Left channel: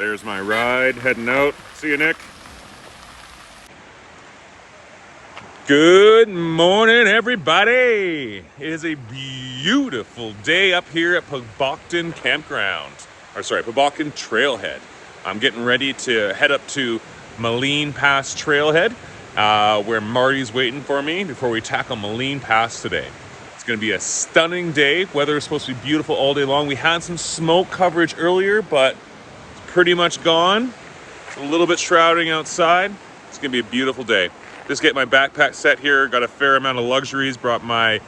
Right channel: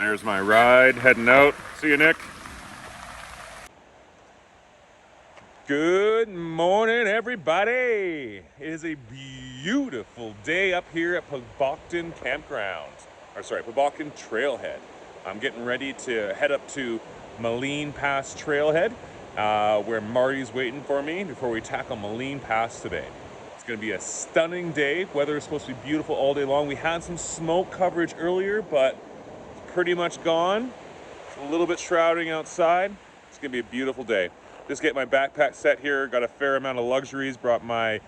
There's my ride, heading out. See you, Nick. Good morning, everybody. It is a beautiful day up here at Poboktan Campground. Poboktan Trailhead. I'm getting ready to head up to Maligne Pass Trailhead, where Marty's waiting for me before we tackle Maligne Pass today. It's going to be a stunning day. Weather is supposed to be beautiful all day long. We had some smoke coverage earlier, but it's pretty much gone. It's a little bit shrouding outside. It's going to be a beautiful day. Just get my backpack set here. Got a fair amount of luxuries. Brought my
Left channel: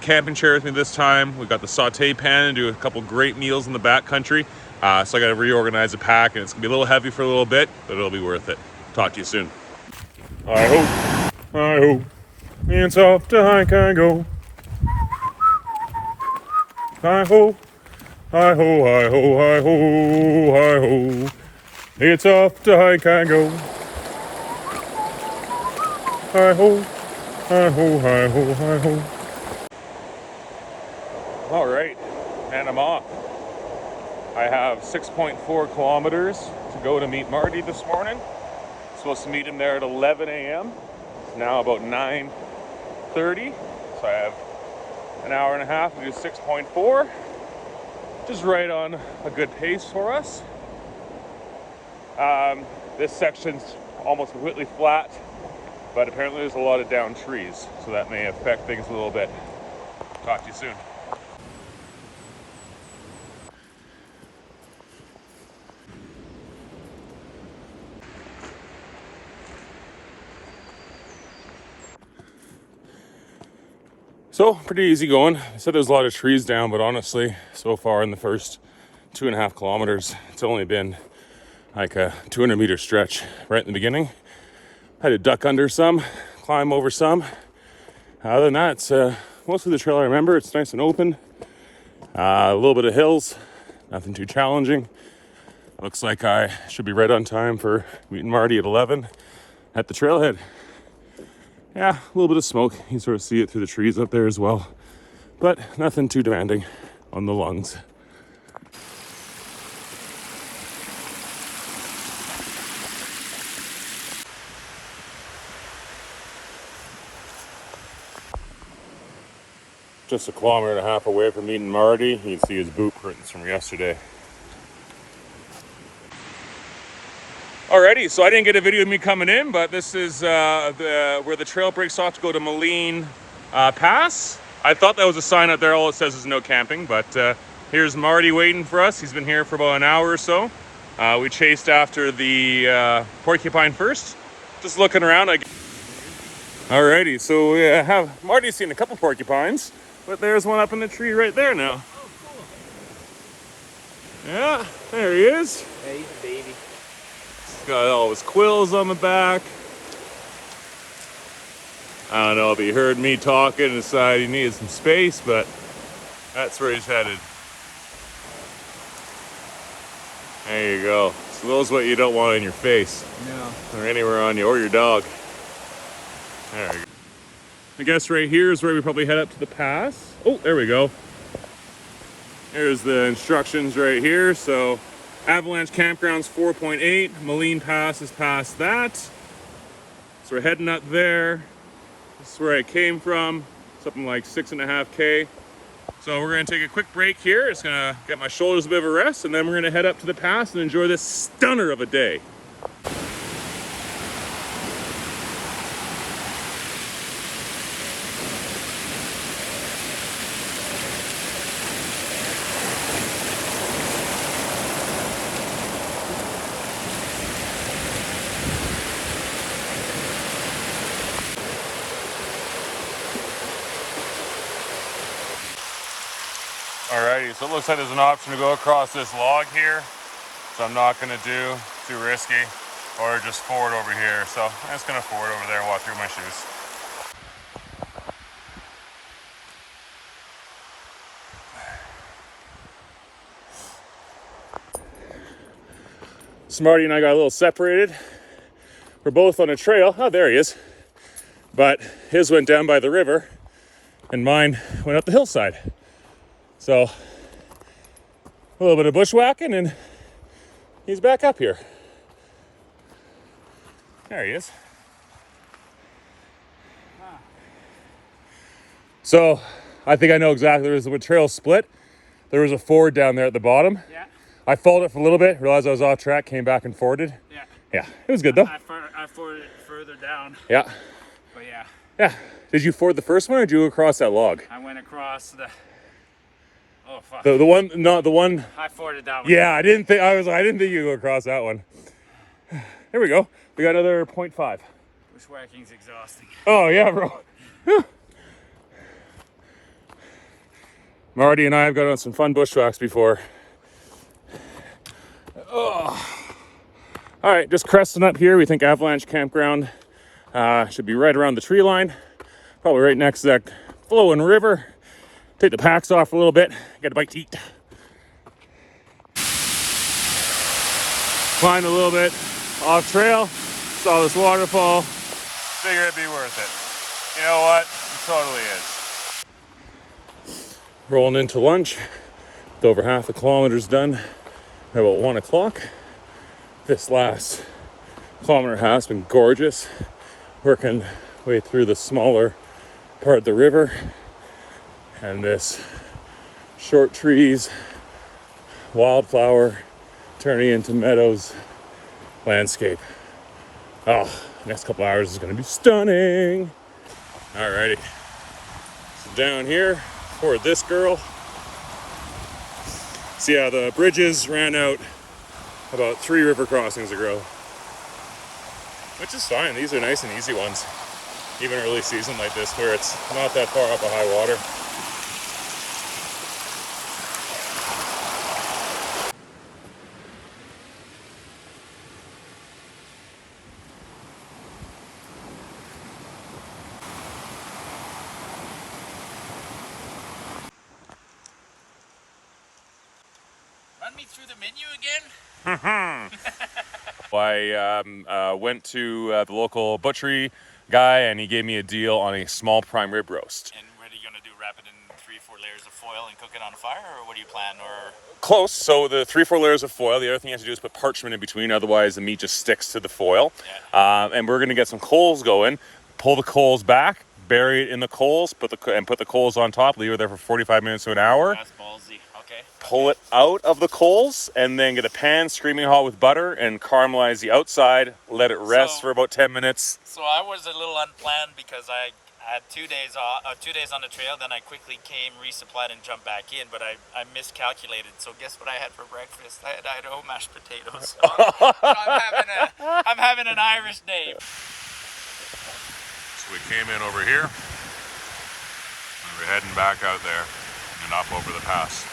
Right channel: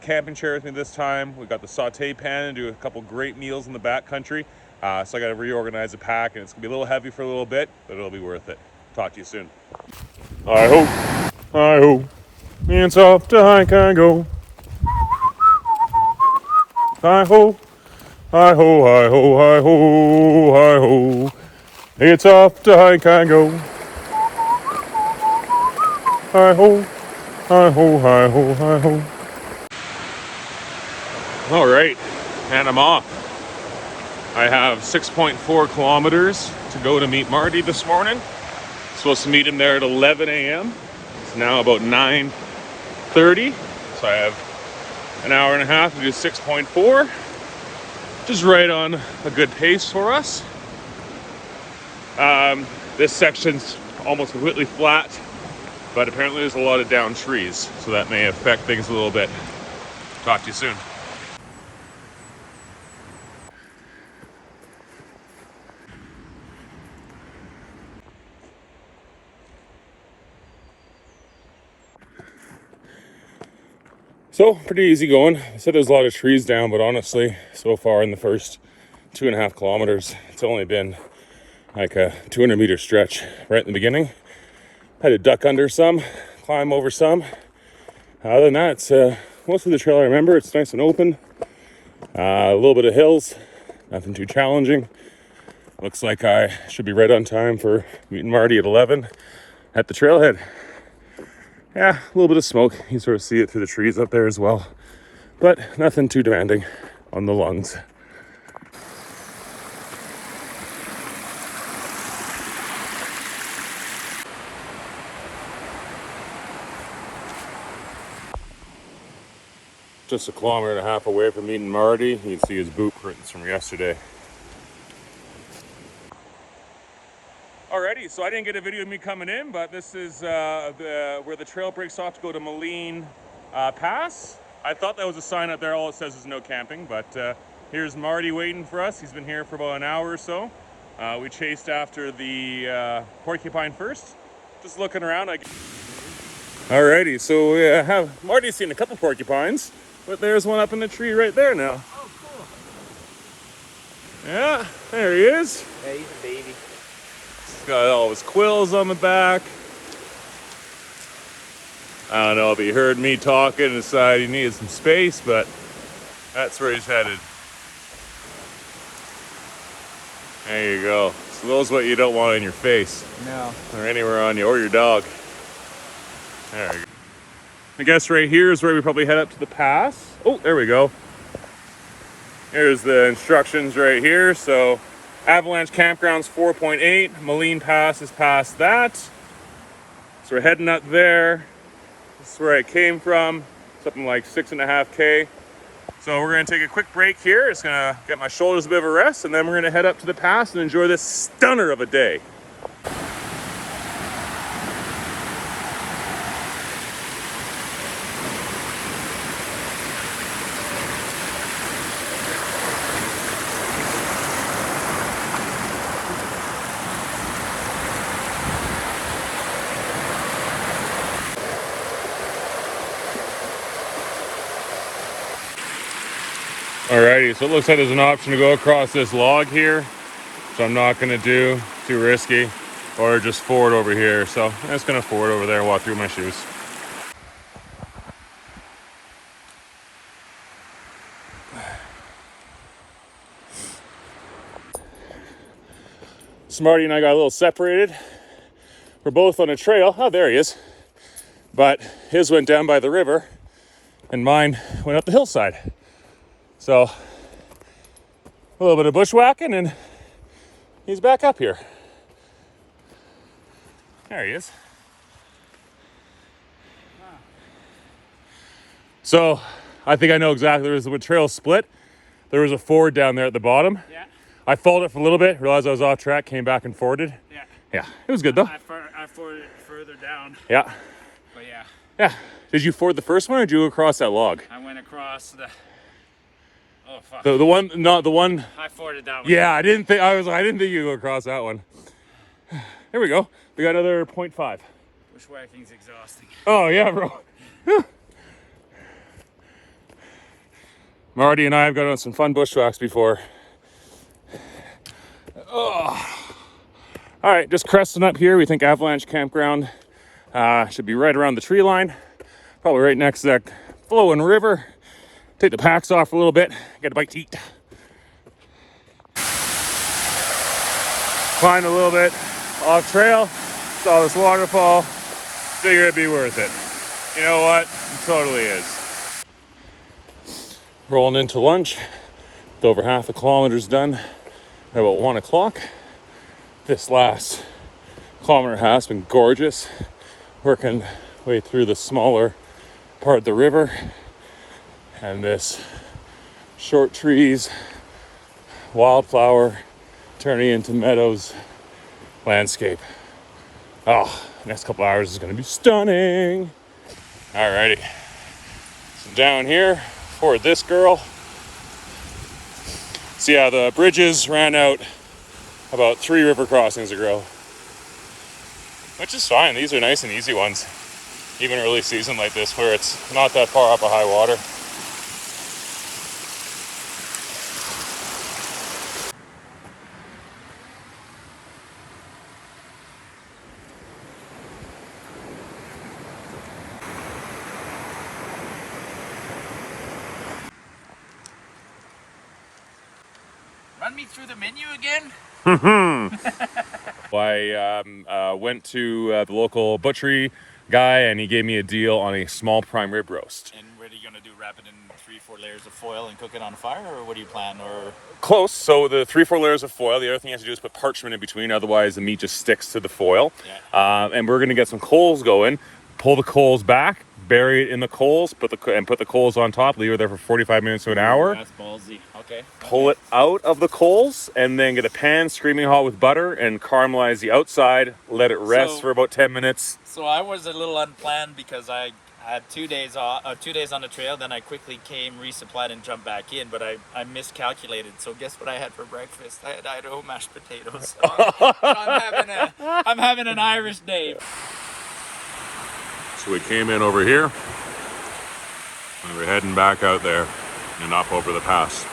camping chair with me this time. We got the saute pan and do a couple great meals in the backcountry. So I got to reorganize the pack, and it's going to be a little heavy for a little bit, but it'll be worth it. Talk to you soon. I hope, it's off to hike I go. I hope, it's off to hike I go. I hope. All right, and I'm off. I have 6.4 kilometers to go to meet Marty this morning. Supposed to meet him there at 11 a.m. It's now about 9:30, so I have an hour and a half to do 6.4, which is right on a good pace for us. This section's almost completely flat, but apparently there's a lot of downed trees, so that may affect things a little bit. Talk to you soon. So, pretty easy going. I said there's a lot of trees down, but honestly, so far in the first 2.5 kilometers, it's only been like a 200-meter stretch right in the beginning. Had to duck under some, climb over some. Other than that, it's most of the trail I remember. It's nice and open. A little bit of hills, nothing too challenging. Looks like I should be right on time for meeting Marty at 11 at the trailhead. Yeah, a little bit of smoke. You sort of see it through the trees up there as well, but nothing too demanding on the lungs. Just 1.5 kilometers away from meeting Marty. You can see his boot prints from yesterday. Alrighty, so I didn't get a video of me coming in, but this is where the trail breaks off to go to Maligne Pass. I thought that was a sign out there. All it says is no camping, but here's Marty waiting for us. He's been here for about an hour or so. We chased after the porcupine first. Just looking around. Alrighty, so we have Marty's seen a couple porcupines, but there's one up in the tree right there now. Oh, cool. Yeah, there he is. Yeah, he's a baby. Got all his quills on the back. I don't know if he heard me talking and decided he needed some space, but that's where he's headed. There you go. So those what you don't want in your face. No. Or anywhere on you, or your dog. There you go. I guess right here is where we probably head up to the pass. Oh, there we go. Here's the instructions right here. So Avalanche Campground's 4.8. Maligne Pass is past that. So we're heading up there. This is where I came from. Something like 6.5K. So we're gonna take a quick break here. It's gonna get my shoulders a bit of a rest, and then we're gonna head up to the pass and enjoy this stunner of a day. Alrighty, so it looks like there's an option to go across this log here. So I'm not gonna do too risky, or just ford over here. So I'm just gonna ford over there and walk through my shoes. So Marty and I got a little separated. We're both on a trail. Oh, there he is. But his went down by the river and mine went up the hillside. So a little bit of bushwhacking and He's back up here. There he is. So I think I know exactly. There was a trail split. There was a ford down there at the bottom. Yeah. I followed it for a little bit, realized I was off track, came back and forded. Yeah. Yeah, it was good though. I forded it further down. Yeah. But yeah. Yeah. Did you ford the first one or did you go across that log? I went across the. Oh fuck. The one, not the one. I forded that one. Yeah, I didn't think you go across that one. Here we go. We got another 0.5. Bushwhacking's exhausting. Oh yeah, bro. Marty and I have gone on some fun bushwhacks before. Oh. All right, just cresting up here. We think Avalanche Campground should be right around the tree line. Probably right next to that flowing river. Take the packs off for a little bit. Get a bite to eat. Climbed a little bit off trail. Saw this waterfall. Figure it'd be worth it. You know what? It totally is. Rolling into lunch. With over half the kilometers done at about 1 o'clock. This last kilometer and a half has been gorgeous. Working way through the smaller part of the river. And this short trees, wildflower turning into meadows landscape. Oh, next couple hours is going to be stunning. Alrighty. So down here for this girl. See how the bridges ran out about 3 river crossings ago. Which is fine. These are nice and easy ones. Even early season like this where it's not that far up a high water. Run me through the menu again? I went to the local butchery guy and he gave me a deal on a small prime rib roast. And what are you gonna do? Wrap it in 3-4 layers of foil and cook it on a fire, or what do you plan? Or Close. So the 3-4 layers of foil. The other thing you have to do is put parchment in between, otherwise the meat just sticks to the foil. yeah. And we're gonna get some coals going. Pull the coals back, bury it in the coals, put the coals on top. Leave it there for 45 minutes to an hour. That's ballsy. Okay. Pull it out of the coals, and then get a pan screaming hot with butter and caramelize the outside. Let it rest for about 10 minutes. So I was a little unplanned because I had 2 days off, 2 days on the trail. Then I quickly came, resupplied, and jumped back in. But I miscalculated. So guess what I had for breakfast? I had Idaho mashed potatoes. So I'm having an Irish day. So we came in over here, and we're heading back out there and up over the pass.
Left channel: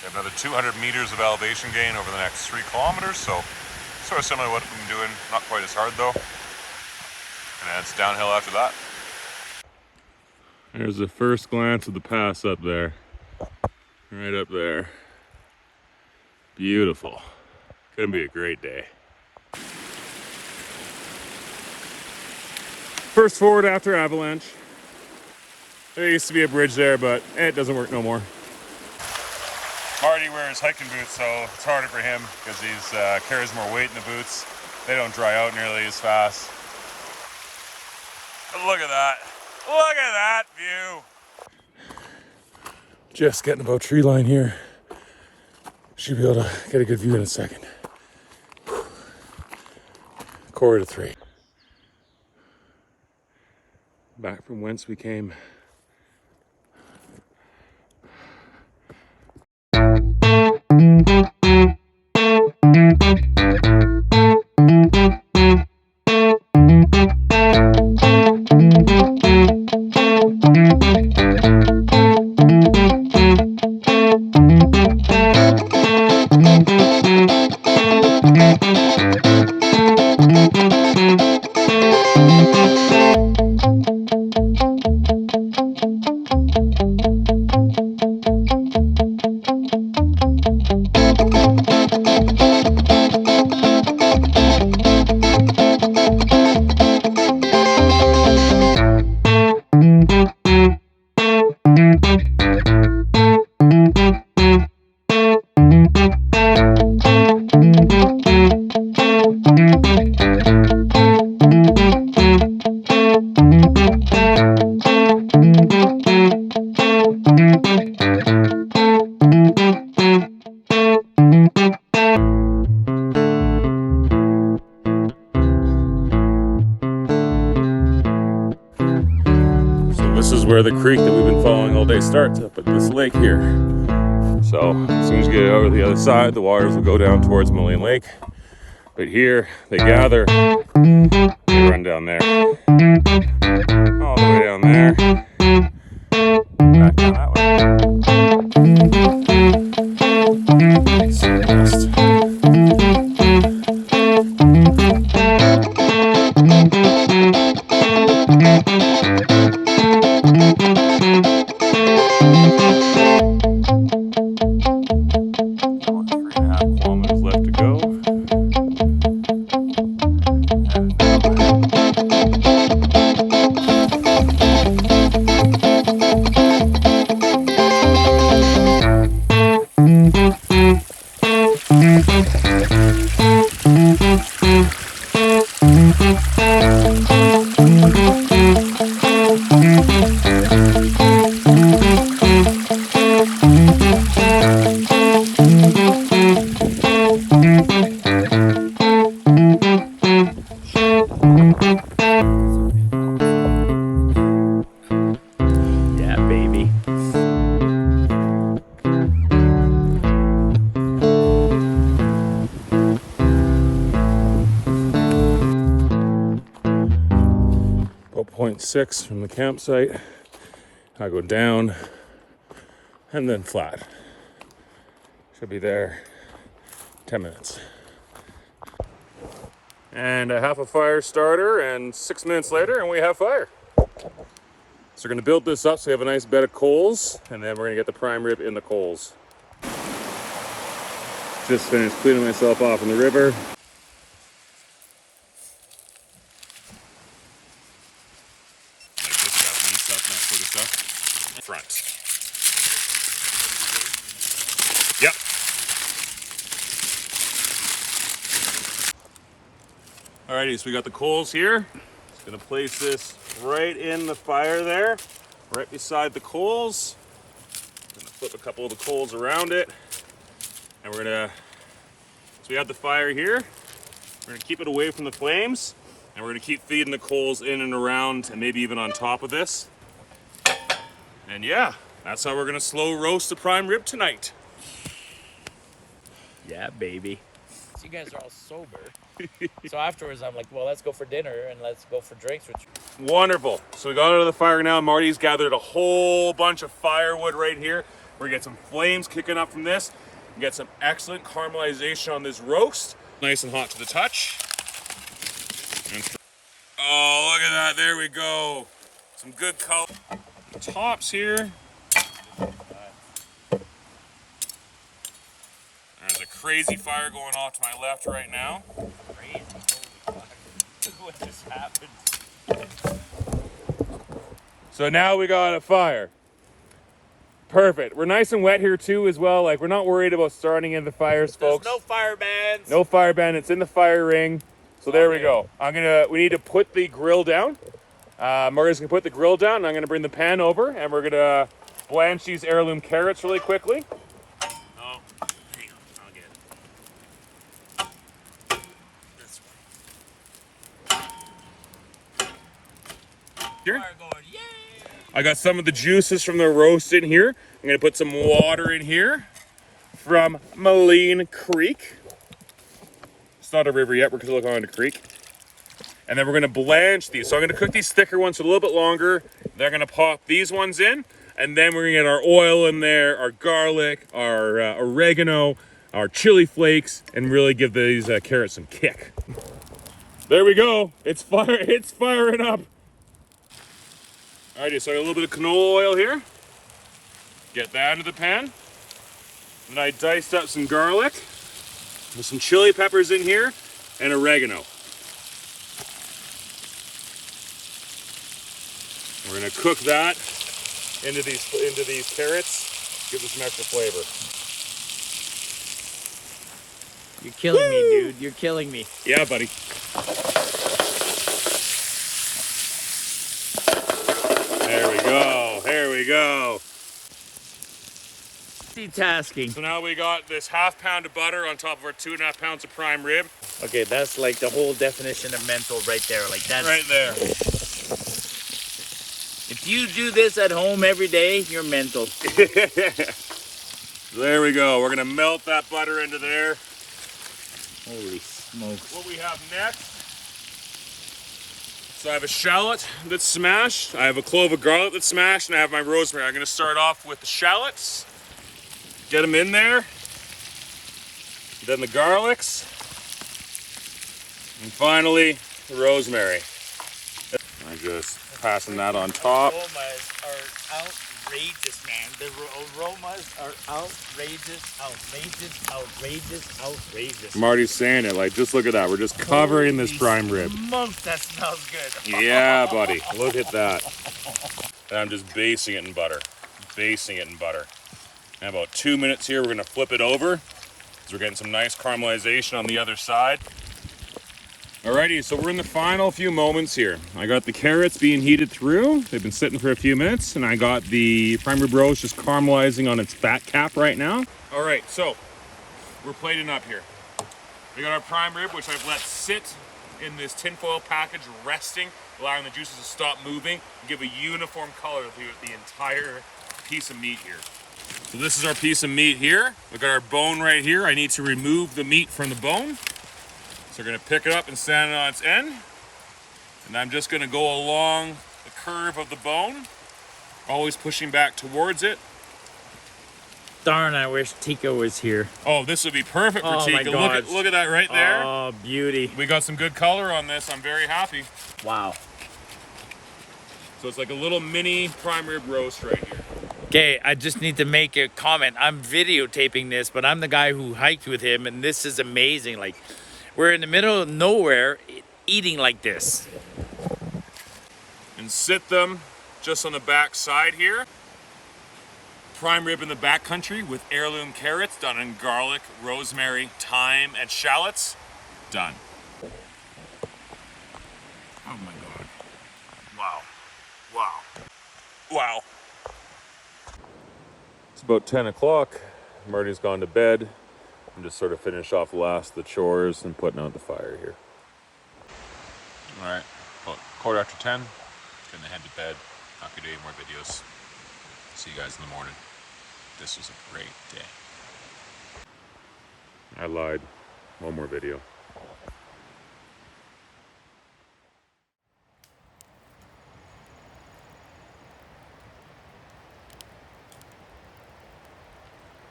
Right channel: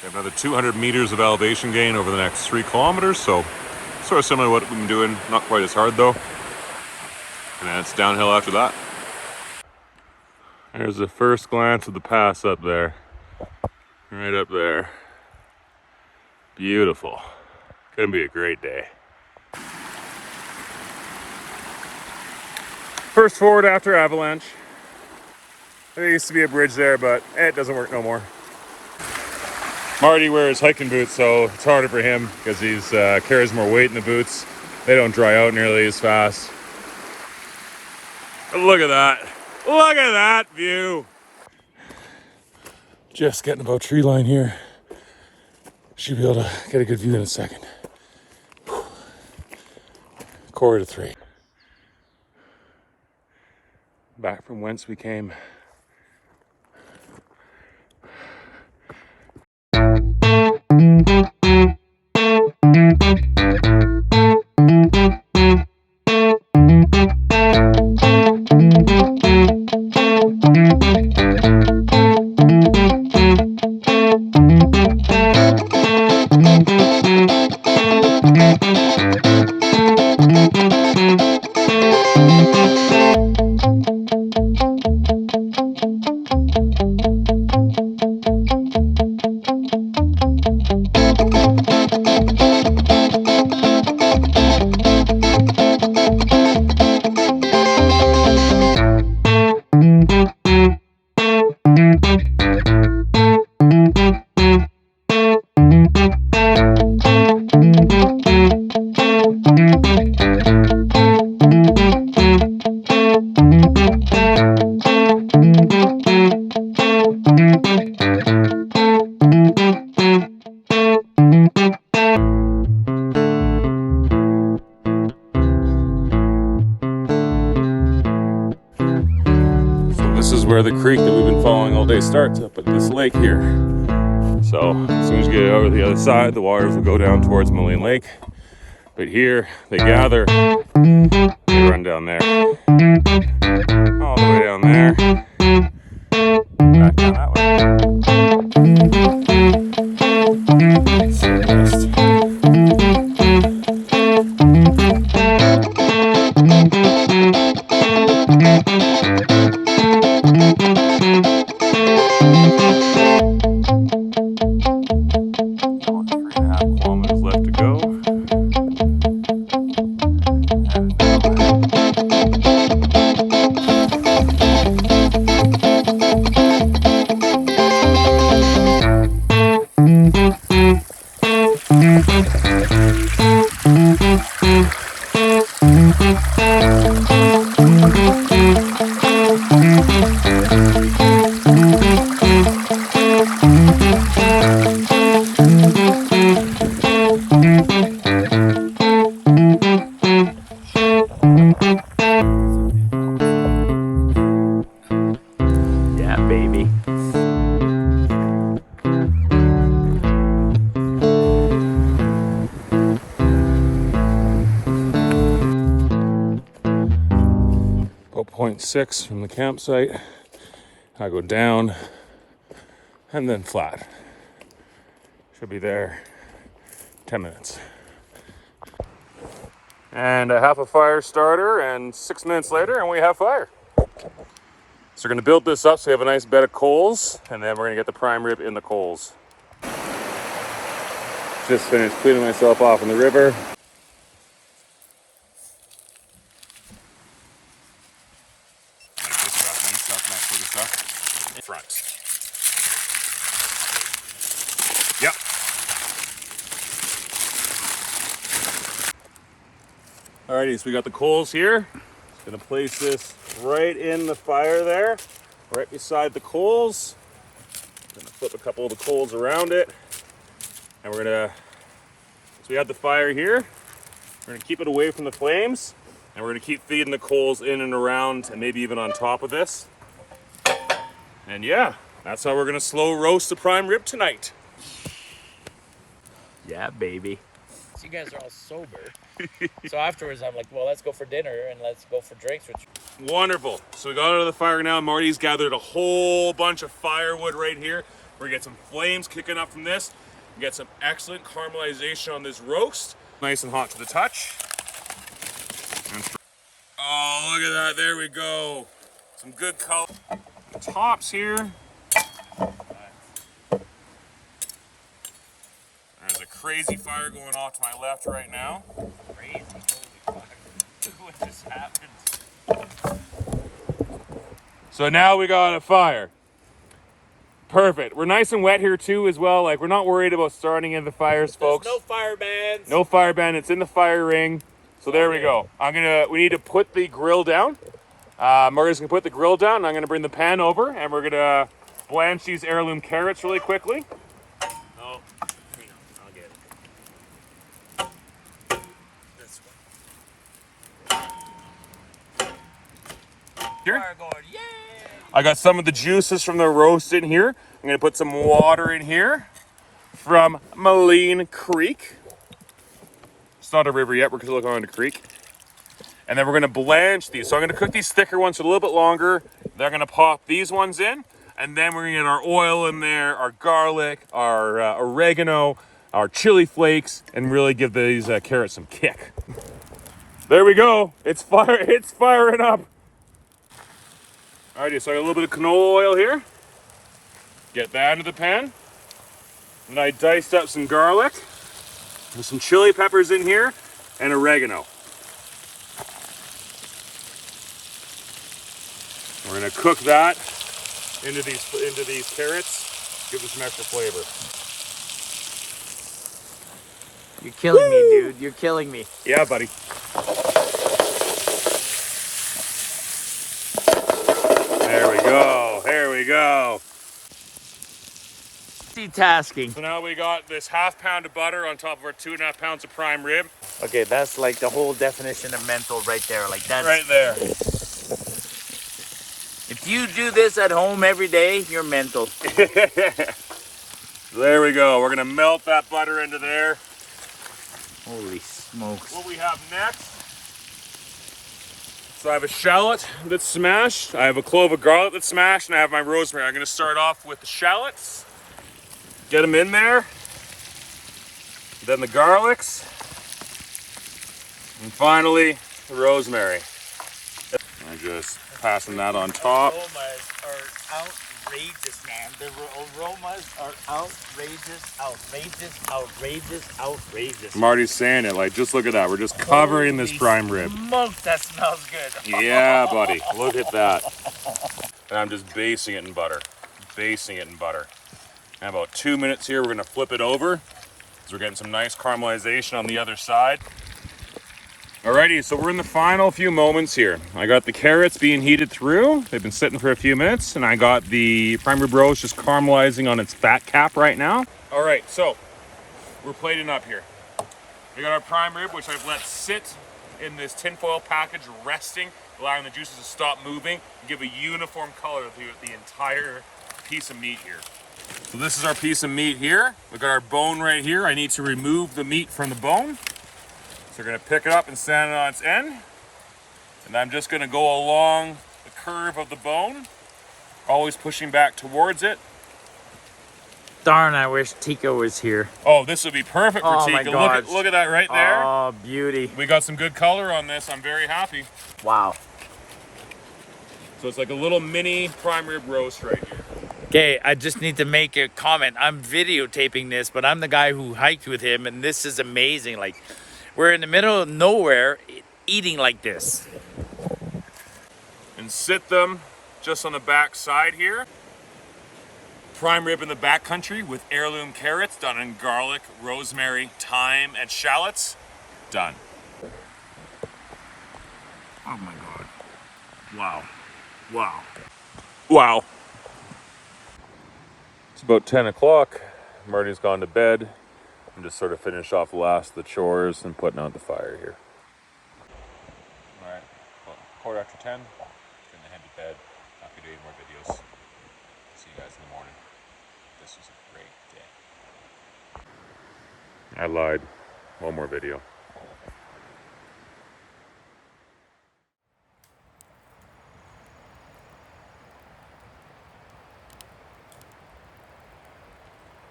We have another 200 meters of elevation gain over the next 3 kilometers, so sort of similar to what we've been doing, not quite as hard though. And then it's downhill after that. There's the first glance of the pass up there. Right up there. Beautiful. Gonna be a great day. First forward after avalanche. There used to be a bridge there, but it doesn't work no more. Marty wears hiking boots, so it's harder for him because he's carries more weight in the boots. They don't dry out nearly as fast. But look at that. Look at that view. Just getting above tree line here. Should be able to get a good view in a second. 2:45. Back from whence we came. creek that we've been following all day starts up at this lake here. So as soon as you get over the other side, the waters will go down towards Maligne Lake. But here they gather, they run down there, all the way down there, back down that way. About 0.6 from the campsite. I go down and then flat. Should be there 10 minutes. And a half a fire starter, and 6 minutes later, and we have fire. So we're gonna build this up so we have a nice bed of coals, and then we're gonna get the prime rib in the coals. Just finished cleaning myself off in the river. Front. Yep. Alrighty, so we got the coals here. Just gonna place this right in the fire there, right beside the coals. Gonna flip a couple of the coals around it, and we're gonna. So we have the fire here. We're gonna keep it away from the flames, and we're gonna keep feeding the coals in and around, and maybe even on top of this. And yeah, that's how we're gonna slow roast the prime rib tonight. Yeah, baby. You guys are all sober. So afterwards, I'm like, well, let's go for dinner and let's go for drinks. Wonderful. So we got out of the fire now. Marty's gathered a whole bunch of firewood right here. We're gonna get some flames kicking up from this. Get some excellent caramelization on this roast. Nice and hot to the touch. Oh, look at that. There we go. Some good color. Tops here. There's a crazy fire going off to my left right now. Crazy. Holy fuck. What just happened? So now we got a fire. Perfect. We're nice and wet here too as well. Like, we're not worried about starting in the fires, folks. There's no fire bans. No fire ban. It's in the fire ring. So there we go. We need to put the grill down. Marty's gonna put the grill down, and I'm gonna bring the pan over, and we're gonna blanch these heirloom carrots really quickly. Oh, hang on, I'll get it. This one. Here. Fire going, yay! I got some of the juices from the roast in here. I'm gonna put some water in here from Maligne Creek. It's not a river yet, we're still going to creek. And then we're gonna blanch these. So I'm gonna cook these thicker ones for a little bit longer. They're gonna pop these ones in, and then we're gonna get our oil in there, our garlic, our oregano, our chili flakes, and really give these carrots some kick. There we go. It's firing up. Alrighty, so I got a little bit of canola oil here. Get that into the pan. And I diced up some garlic. There's some chili peppers in here and oregano. We're gonna cook that into these carrots. Give it some extra flavor. You're killing me, dude. You're killing me. Yeah, buddy. There we go. There we go. Multitasking. So now we got this ½ pound of butter on top of our 2.5 pounds of prime rib. Okay, that's like the whole definition of mental right there. Like that's Right there. It If you do this at home every day, you're mental. There we go. We're gonna melt that butter into there. Holy smokes. What we have next. So I have a shallot that's smashed. I have a clove of garlic that's smashed, and I have my rosemary. I'm gonna start off with the shallots. Get them in there. Then the garlics. And finally, the rosemary. I'm just passing that on top. The aromas are outrageous, man. The aromas are outrageous. Marty's saying it, like, just look at that. We're just covering this prime rib. Smokes, that smells good. Yeah, buddy, look at that. And I'm just basting it in butter. In about 2 minutes here, we're gonna flip it over, because we're getting some nice caramelization on the other side. Alrighty, so we're in the final few moments here. I got the carrots being heated through. They've been sitting for a few minutes, and I got the prime rib roast just caramelizing on its fat cap right now. All right, so we're plating up here. We got our prime rib, which I've let sit in this tinfoil package, resting, allowing the juices to stop moving, and give a uniform color to the entire piece of meat here. So this is our piece of meat here. We've got our bone right here. I need to remove the meat from the bone. So we're gonna pick it up and stand it on its end. And I'm just gonna go along the curve of the bone, always pushing back towards it. Darn, I wish Tika was here. Oh, this would be perfect for Tika. Look at that right there. Oh, beauty. We got some good color on this. I'm very happy. Wow. So it's like a little mini prime rib roast right here. Okay, I just need to make a comment. I'm videotaping this, but I'm the guy who hiked with him, and this is amazing. Like, we're in the middle of nowhere eating like this. And sit them just on the back side here. Prime rib in the backcountry with heirloom carrots done in garlic, rosemary, thyme, and shallots. Done. Oh my God. Wow. Wow. Wow. It's about 10 o'clock. Marty's gone to bed. I'm just sort of finished off the last of the chores and putting out the fire here. All right, well, 10:15. Gonna head to bed. Not gonna do any more videos. See you guys in the morning. This was a great day. I lied. One more video.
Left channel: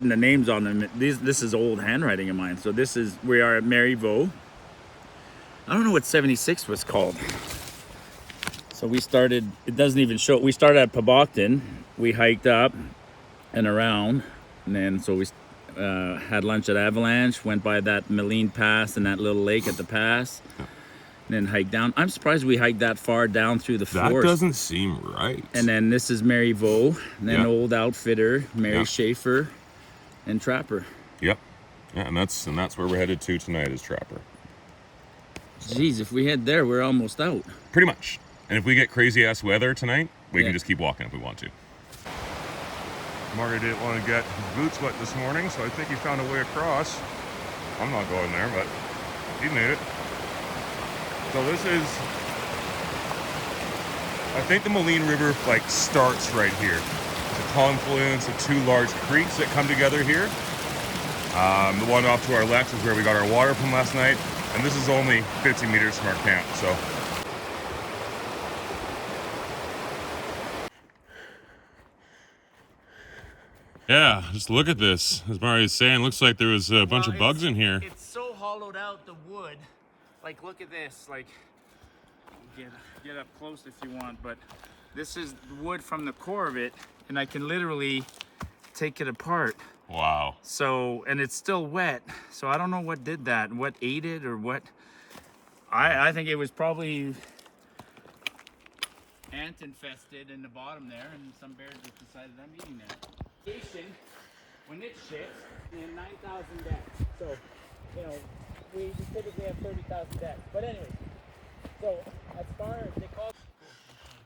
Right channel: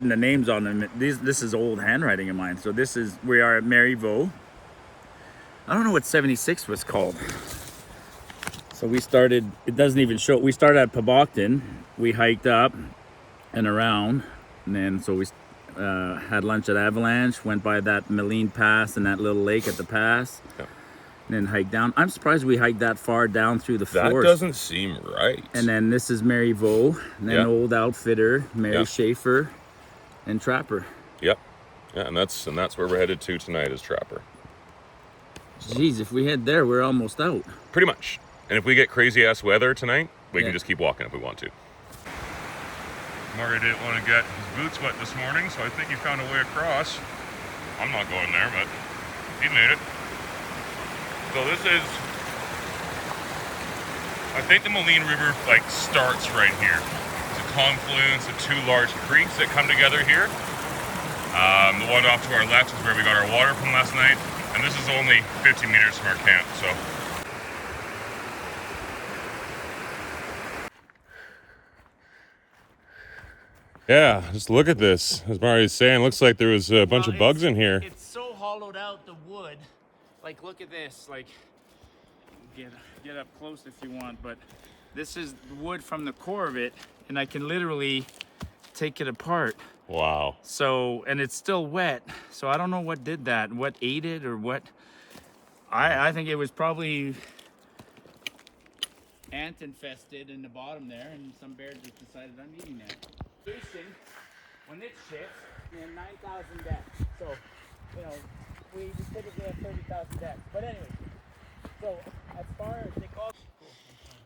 The names on them, this is old handwriting of mine. So we are at Mary Vaux. I don't know what 76 was called. So we started, it doesn't even show, we started at Poboktan. We hiked up and around, and then so we had lunch at Avalanche, went by that Maligne Pass and that little lake at the pass, and then hiked down. I'm surprised we hiked that far down through the forest. That doesn't seem right. And then this is Mary Vaux, and then Old Outfitter, Mary Schaefer, and Trapper. Yep. Yeah, and that's where we're headed to tonight, is Trapper. Jeez, if we head there, we're almost out. Pretty much. And if we get crazy ass weather tonight, we can just keep walking if we want to. Marty didn't want to get his boots wet this morning, so I think he found a way across. I'm not going there, but he made it. So this is, I think the Maligne River starts right here. It's a confluence of two large creeks that come together here. The one off to our left is where we got our water from last night, and this is only 50 meters from our camp, so. Yeah, just look at this. As Marty's saying, looks like there was a bunch of bugs in here. It's so hollowed out, the wood. Like, look at this. Like, get up close if you want, but this is wood from the core of it, and I can literally take it apart. Wow. So, and it's still wet. So I don't know what did that, what ate it, or what. I think it was probably ant infested in the bottom there, and some bears just decided I'm eating that. When it ships, and 9,000 decks. So, you know, we typically have 30,000 decks. But anyway, so as far as they call.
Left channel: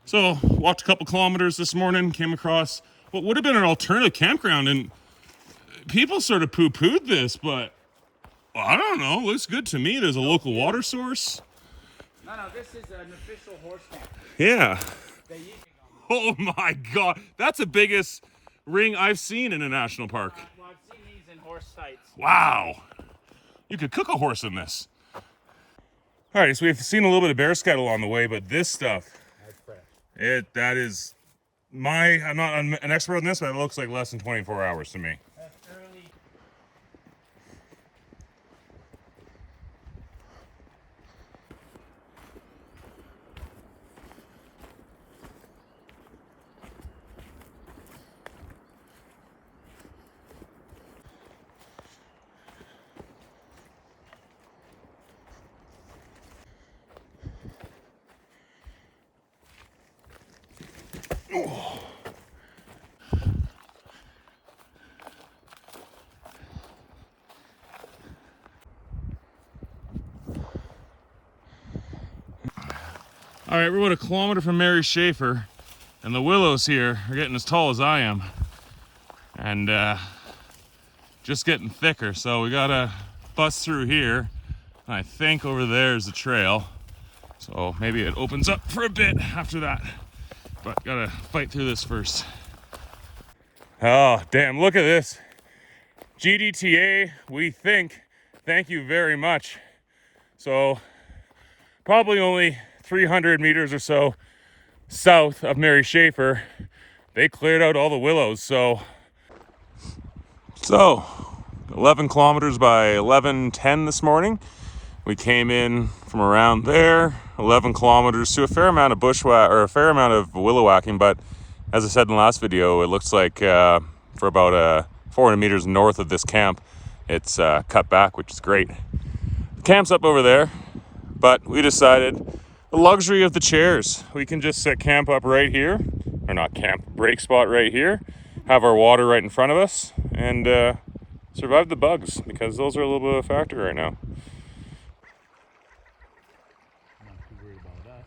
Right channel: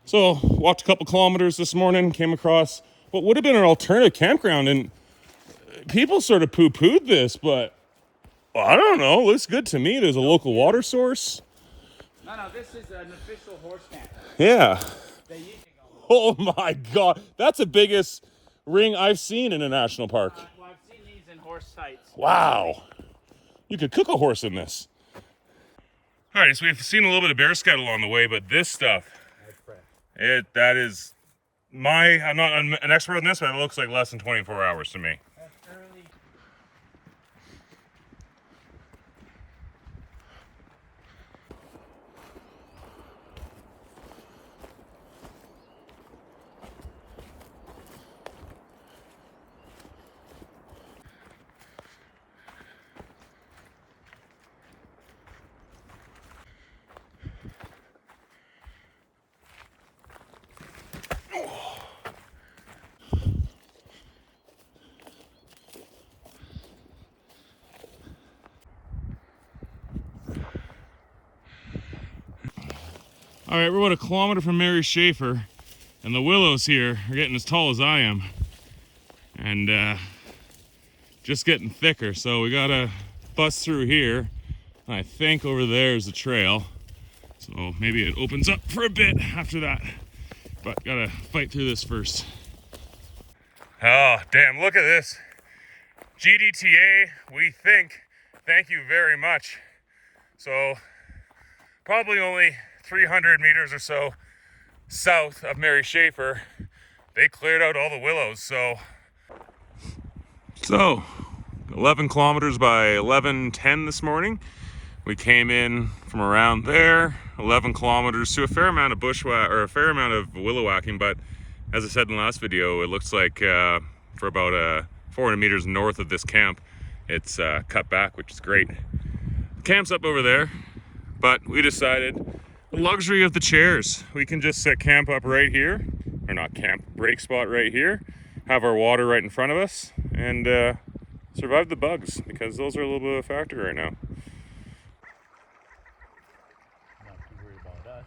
So walked a couple kilometers this morning, came across what would have been an alternative campground, and people sort of poo-pooed this, but well, I don't know. Looks good to me. There's a local water source. No, this is an official horse camp. Yeah. They usually go. Oh my God, that's the biggest ring I've seen in a national park. Well, I've seen these in horse sites. Wow, you could cook a horse in this. All right, so we've seen a little bit of bear scat along the way, but this stuff, that is I'm not an expert on this, but it looks like less than 24 hours to me. That's early. All right, we're about a kilometer from Mary Schaefer, and the willows here are getting as tall as I am, and just getting thicker. So we gotta bust through here, and I think over there is the trail. So maybe it opens up for a bit after that, but gotta fight through this first. Oh, damn, look at this. GDTA, we think, thank you very much. So probably only 300 meters or so south of Mary Schaefer, they cleared out all the willows. So 11 kilometers by 11:10 this morning. We came in from around there, 11 kilometers to a fair amount of a fair amount of willow whacking. But as I said in the last video, it looks like for about 400 meters north of this camp, it's cut back, which is great. The camp's up over there, but we decided the luxury of the chairs. We can just set camp up right here, or not camp, break spot right here, have our water right in front of us, and survive the bugs, because those are a little bit of a factor right now. Not too worried about that.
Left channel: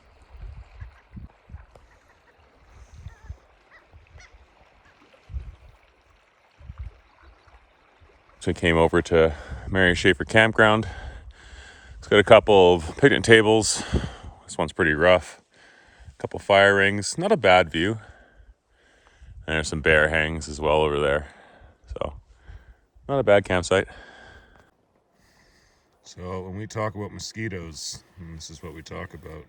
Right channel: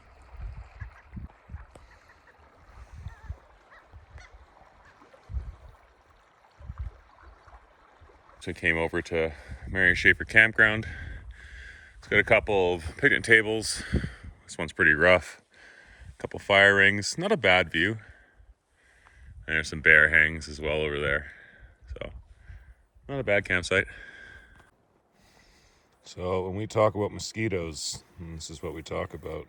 So I came over to Mary Schaefer Campground. It's got a couple of picnic tables. This one's pretty rough. A couple fire rings, not a bad view. And there's some bear hangs as well over there. So, not a bad campsite. So when we talk about mosquitoes, this is what we talk about.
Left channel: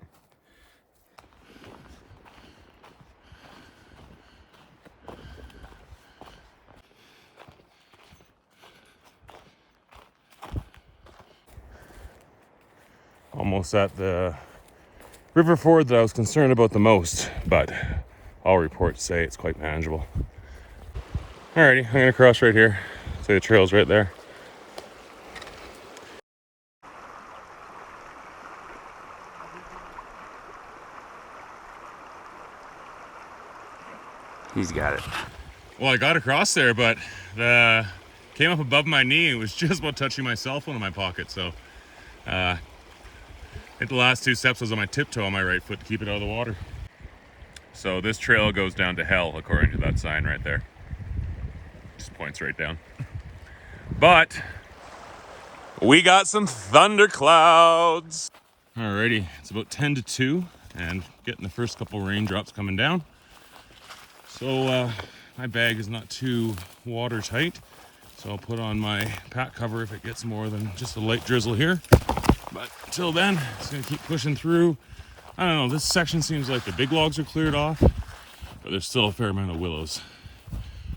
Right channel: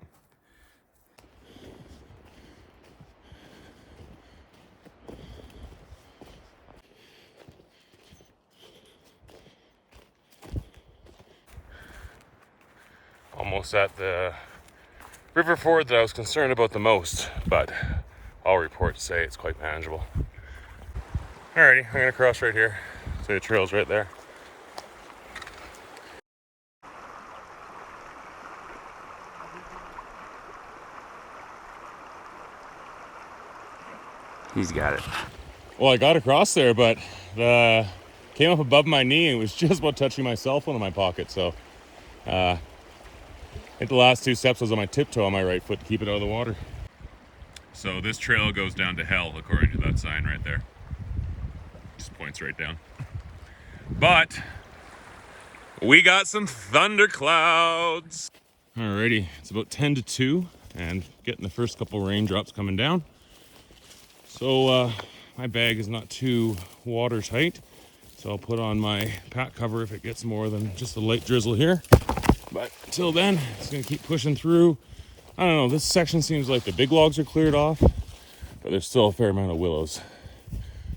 Almost at the river ford that I was concerned about the most, but all reports say it's quite manageable. Alrighty, I'm gonna cross right here. So the trail's right there. He's got it. Well, I got across there, but came up above my knee and it was just about touching my cell phone in my pocket. So hit the last two steps. I was on my tiptoe on my right foot to keep it out of the water. So this trail goes down to hell, according to that sign right there. Just points right down. But we got some thunderclouds. Alrighty, it's about 10 to 2 and getting the first couple raindrops coming down. So my bag is not too watertight, so I'll put on my pack cover if it gets more than just a light drizzle here. But until then, it's gonna keep pushing through. I don't know, this section seems like the big logs are cleared off, but there's still a fair amount of willows.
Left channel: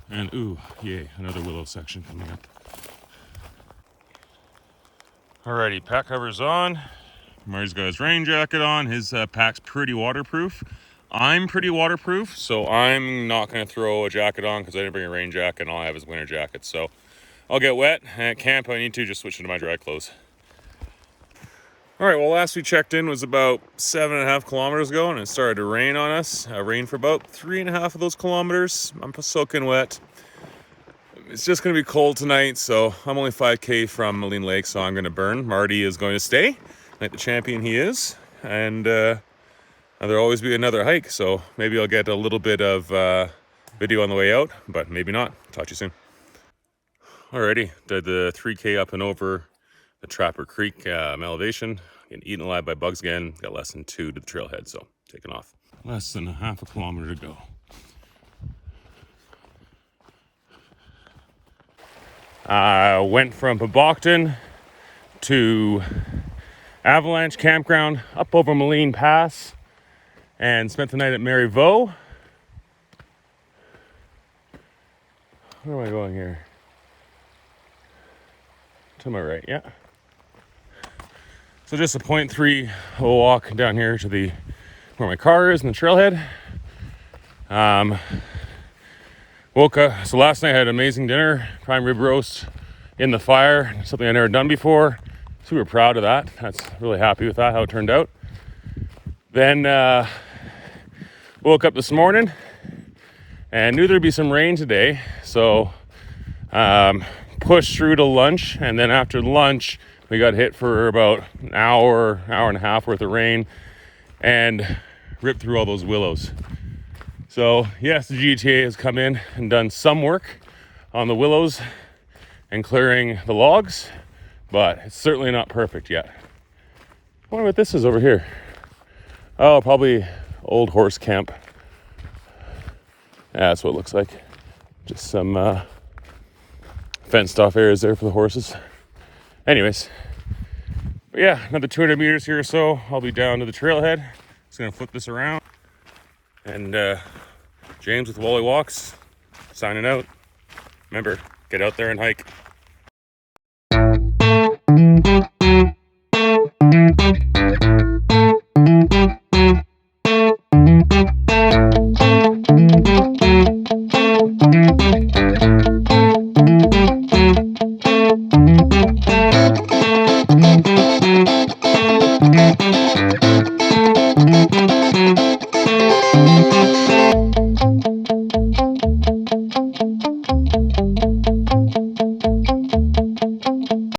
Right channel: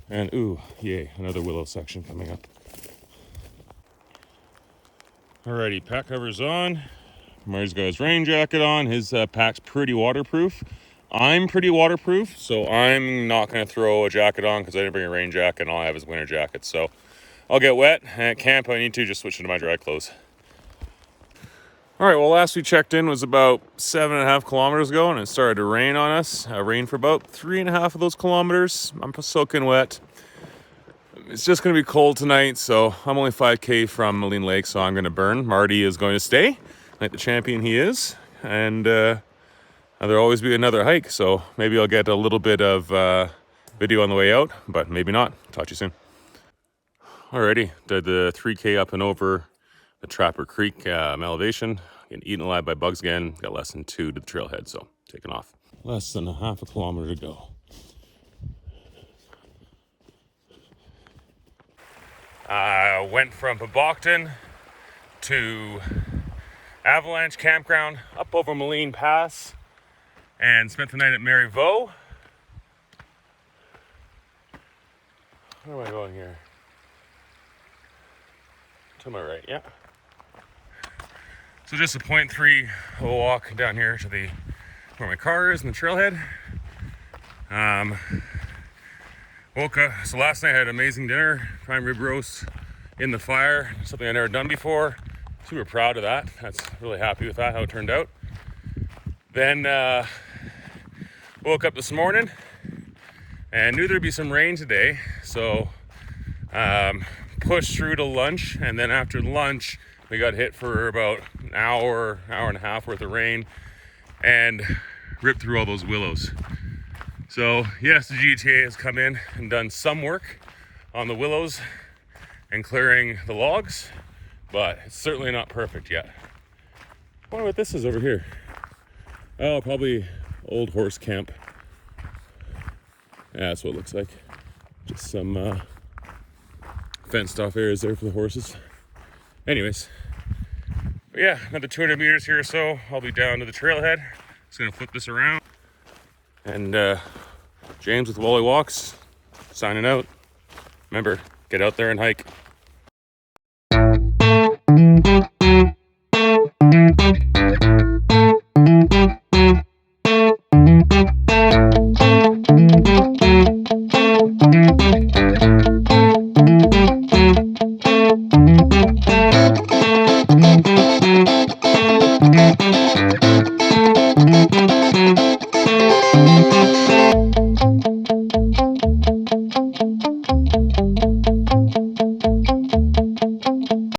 And ooh, yay, another willow section coming up. Alrighty, pack cover's on. Marty's got his rain jacket on. His pack's pretty waterproof. I'm pretty waterproof, so I'm not gonna throw a jacket on because I didn't bring a rain jacket and all I have is winter jacket. So I'll get wet, and at camp I need to just switch into my dry clothes. All right, well, last we checked in was about 7.5 kilometers ago, and it started to rain on us. Rained for about 3.5 of those kilometers. I'm soaking wet. It's just gonna be cold tonight, so I'm only 5K from Maligne Lake, so I'm gonna burn. Marty is going to stay, like the champion he is, and there'll always be another hike, so maybe I'll get a little bit of video on the way out, but maybe not. Talk to you soon. Alrighty, did the 3K up and over the Trapper Creek elevation. Getting eaten alive by bugs again. Got less than 2 to the trailhead, so taking off. less than a half a kilometer to go. I went from Poboktan to Avalanche Campground up over Maligne Pass and spent the night at Maryvaux. Where am I going here? To my right, yeah. So just a 0.3 walk down here to the where my car is in the trailhead. Woke up, so last night I had an amazing dinner, prime rib roast in the fire, something I've never done before. Super proud of that. That's really happy with that, how it turned out. Then woke up this morning and knew there'd be some rain today, so pushed through to lunch, and then after lunch we got hit for about an hour and a half worth of rain and ripped through all those willows. So yes, the GTA has come in and done some work on the willows and clearing the logs, but it's certainly not perfect yet. I wonder what this is over here. Oh, probably old horse camp. Yeah, that's what it looks like. Just some fenced off areas there for the horses. Anyways, but yeah, another 200 meters here or so. I'll be down to the trailhead. Just gonna flip this around. And James with Wally Walks, signing out. Remember, get out there and hike.